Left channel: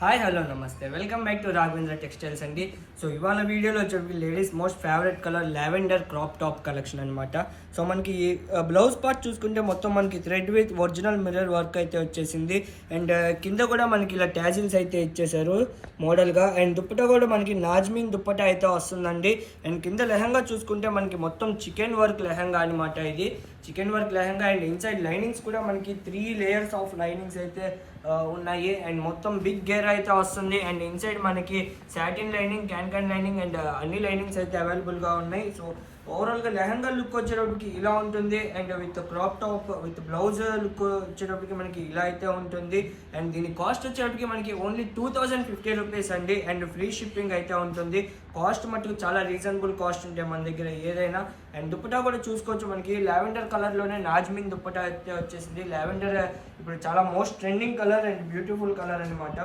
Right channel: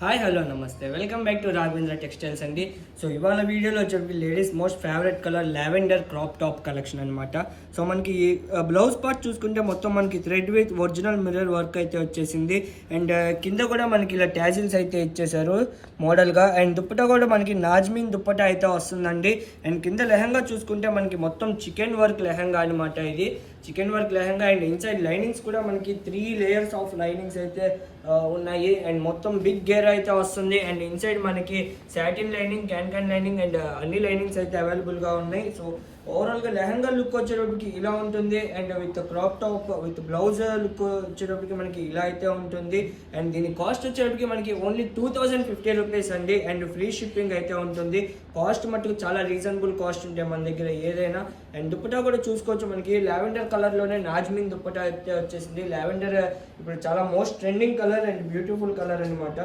Hi hello నమస్తే welcome back to Raghavendra textiles అండి. So ఇవాళ వీడియోలో వచ్చేసి ladies most favourite colour lavender crop top collection అనమాట. సో మనకి బ్లౌజ్ పార్ట్ చూసుకుంటే మొత్తం మనకి thread with original mirror work అయితే వచ్చేసింది. అండ్ కింద కూడా మనకి ఇలా ట్యాజిల్స్ అయితే ఇచ్చేసారు మోడల్గా. అండ్ దుప్పటా కూడా మనకి నాజ్మింగ్ దుప్పటా అయితే వస్తుందండి. అండ్ కింద లెహంగా చూసుకుంటే మనకి మొత్తం చికెన్ వర్క్ లెహంగా అనమాట. ఇది chicken work lehenga. And inside linings కూడా మనకి 3 లేయర్స్ ఆఫ్ లైనింగ్స్ అయితే ఉన్నాయి. అండ్ మొత్తం బిగ్ గేర్ అయితే వస్తుంది. అండ్ ఇన్సైడ్ మనకి satin lining, can lining and అన్ని లైనింగ్స్ అయితే అవైలబుల్గా ఉన్నాయి. సో ఓవరాల్గా లెహంగా లుక్ వచ్చేటప్పటికి ఇలా ఉంటుంది. And with crop top with blouse look వచ్చేటప్పటికి మనకి ఇలా అయితే ఉంటుంది. అండ్ దీని కాస్ట్ వచ్చేటప్పటికి మనకి ఓన్లీ 2050 రూపీస్ అండి. అండ్ ఫ్రీ షిప్పింగ్ అయితే ఉంటుంది. కాస్ట్ మట్టుకు చాలా రీజనబుల్ కాస్ట్ ఉంటాయి మన దగ్గర ఏదైనా. అండ్ దుప్పటా కూడా చూసుకోవచ్చు, మనకి లావెండర్ కలర్లోనే నాజ్మింగ్ దుప్పటా అయితే వచ్చేసింది. లావెండర్ ఇప్పుడు చాలా most trending colour and beautiful colour అనమాట.